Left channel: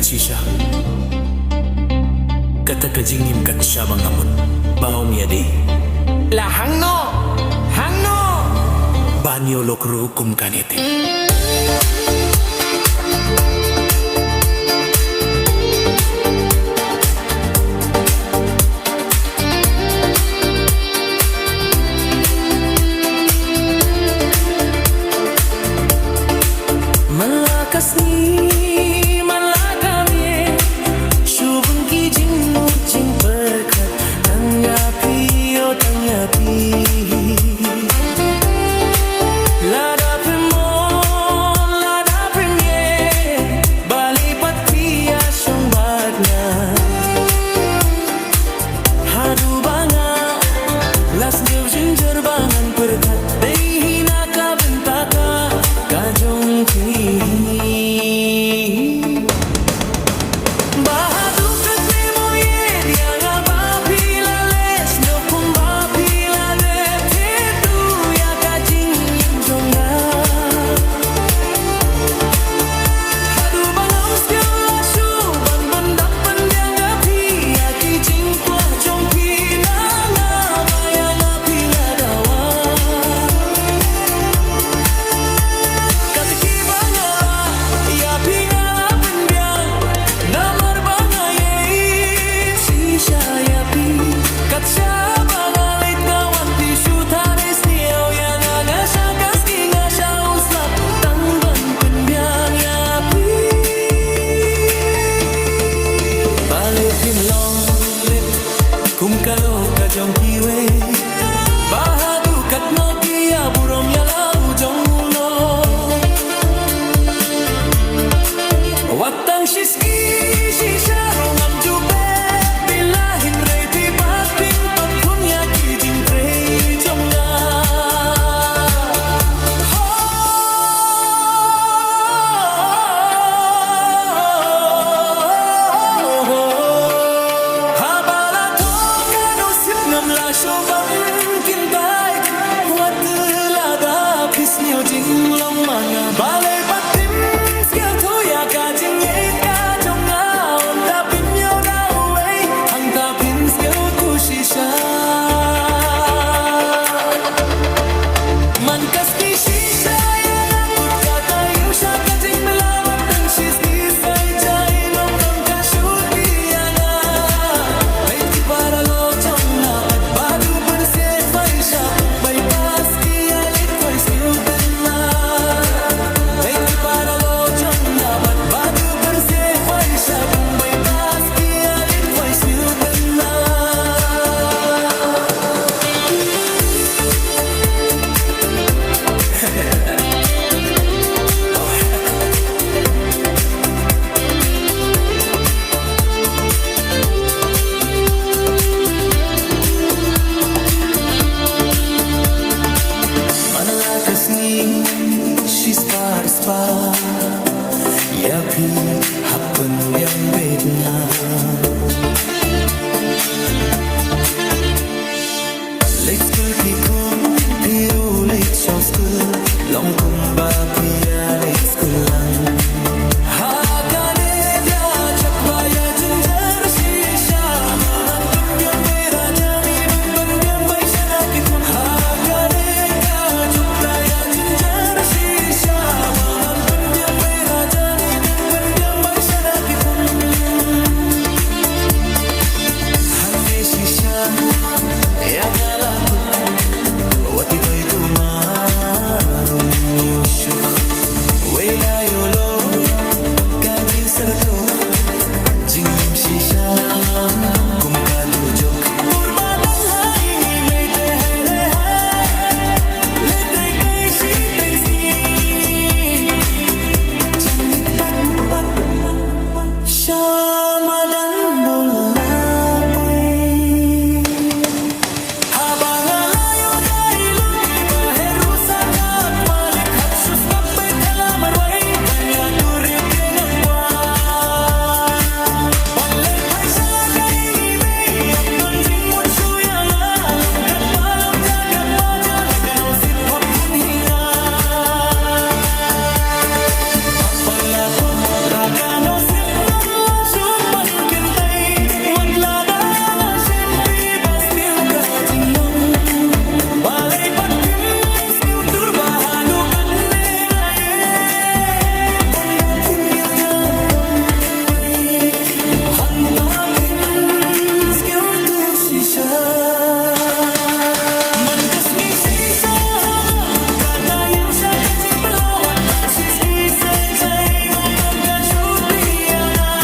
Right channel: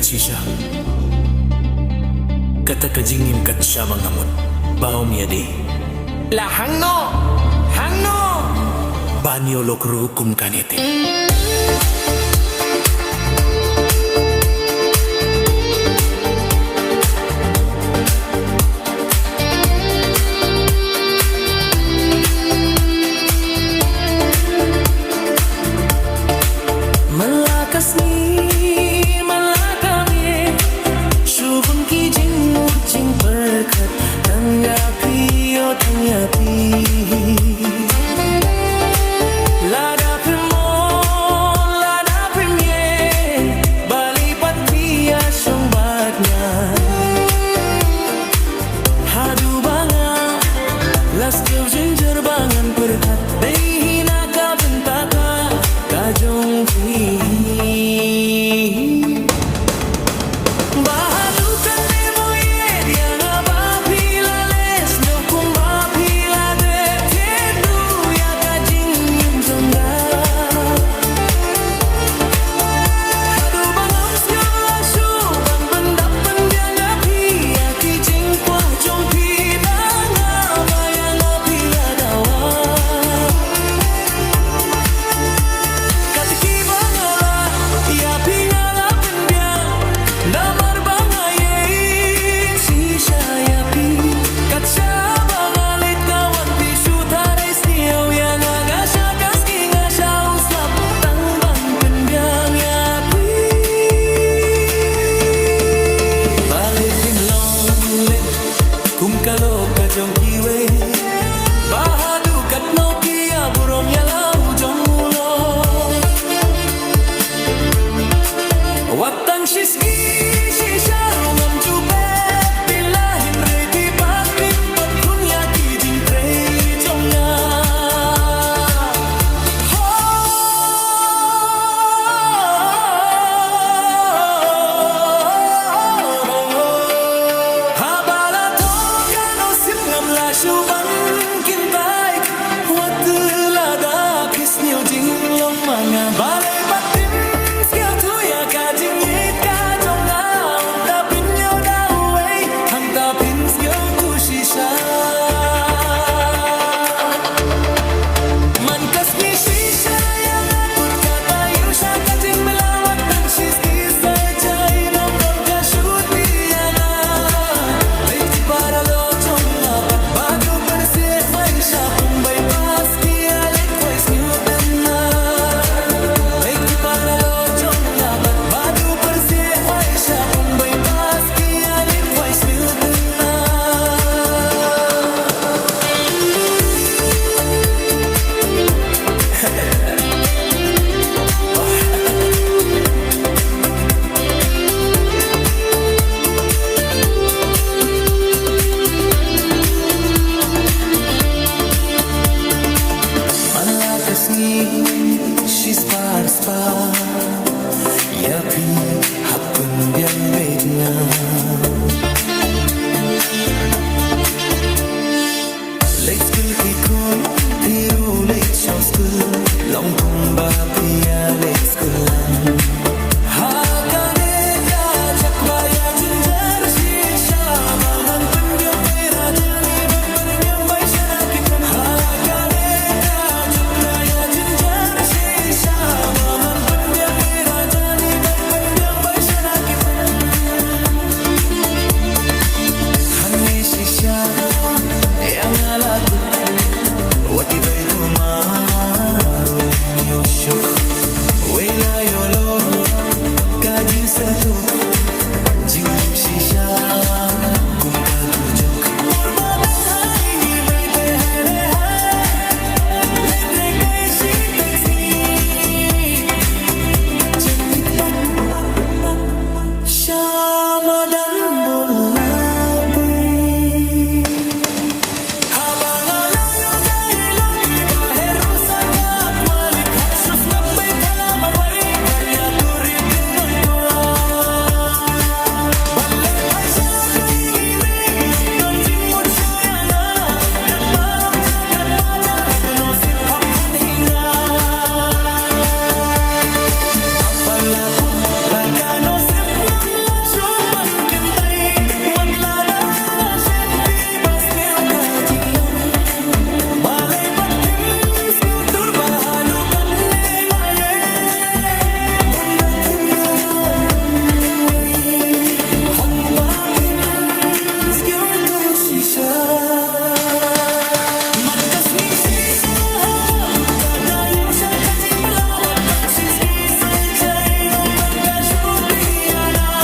Sisha kata kajingim kat siya mangamot baom yadi La hangno banyo lokru kum kanete Malakas ni malakam ye Shubun ki jing jing berkat Tanggapi oh tanggapi Ladapin mo ladapin ye Balipat pia syong batnya Hadu banga Las gau jinjar bangan berkat Dehina ka bentaka Kajong pi Bahadu kat nemo ye Dia ngaba pila les No kumba pila de Tedu ya kajing yim zonda Hadu bangam segala su Bang bendap pendiang api Ya kijing kuah jong pi Nanga bayang apila dawa Katiki bangala Ya pingala pendiang Namar bangaye Sisha ya pi Katsa bangalit kawan Pisu taris niyaw Yang agasya kaski ngasya uslap Tangban pendiang ya pi Balik himlong lip Kum kalok kajong kiwe Bahadu kat no kia Burom ya lau jong ulo Watang shisgi shisharong am jupe Bilahin reti batin Patkun ya kijing trei jomnya Habala toka no sip ngam la shuban kintai Wat lada pis nyo jing long manga Balay patim Skill tu ya kajing yit kajong na On tapin yo daway Hang tapin skill tu shisha Man kas ni shisha yang akut kata yusha kajing melawat Tang shis ni say jay Nom don ka shoot biyanga Bait ki para lo jong na Pat badu persik Fai syapung bypass Ki alit kois Newton na Bait ki para lo jong na Pat badu persik Fai syapung bypass Ki alit kois Newton na Malakas ni she's par Yapi happen biang bet nga Late school pikun piru late show school Long kumba pia late school lang Hakane dia cak baya jinjar shisha Bangan pendiam bay raja ni bang pendiam bay syanaki pun Hakane ka jukla ya jinjar shisha Bangan pendiam bay raja ni bang pendiam bay syanaki pun Hane shisha yang alakut Wati bay dumarun yoshuk Wela yolo kajin seratuk Jingim shishan kum kadujok Purbadang hai ni may te hai hai Letre kay si tengsi Janit pat Syamadan bulapoy Habang alayo dahil iba herusa kat malik Haksus na ba'y talamar way Banya turip dengan kwa Balet ay sana kay ngimi Yung tu shisha Mangkas ni sisa Hangaput ka tayo sa kajing belawat Ang siski sejay Nomdom ka sutianga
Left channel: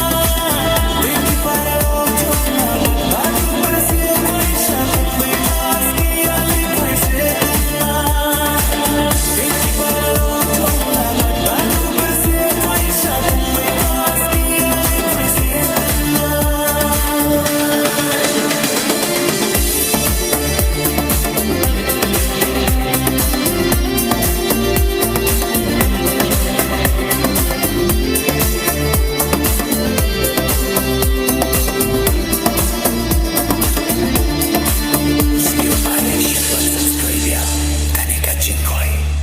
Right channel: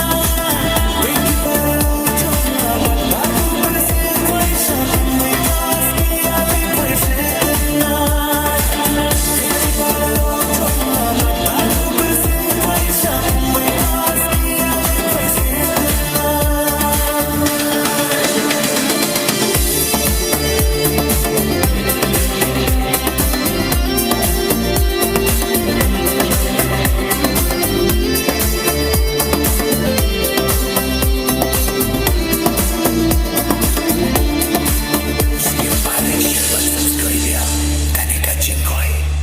Beti para lotong apat Batu persiapan Siapung bypass Kialit may setena Beti para lotong apat Batu persiapan Siapung bypass Kialit may setena Share, balik, share, subscribe ya. Kanika Jingkoy.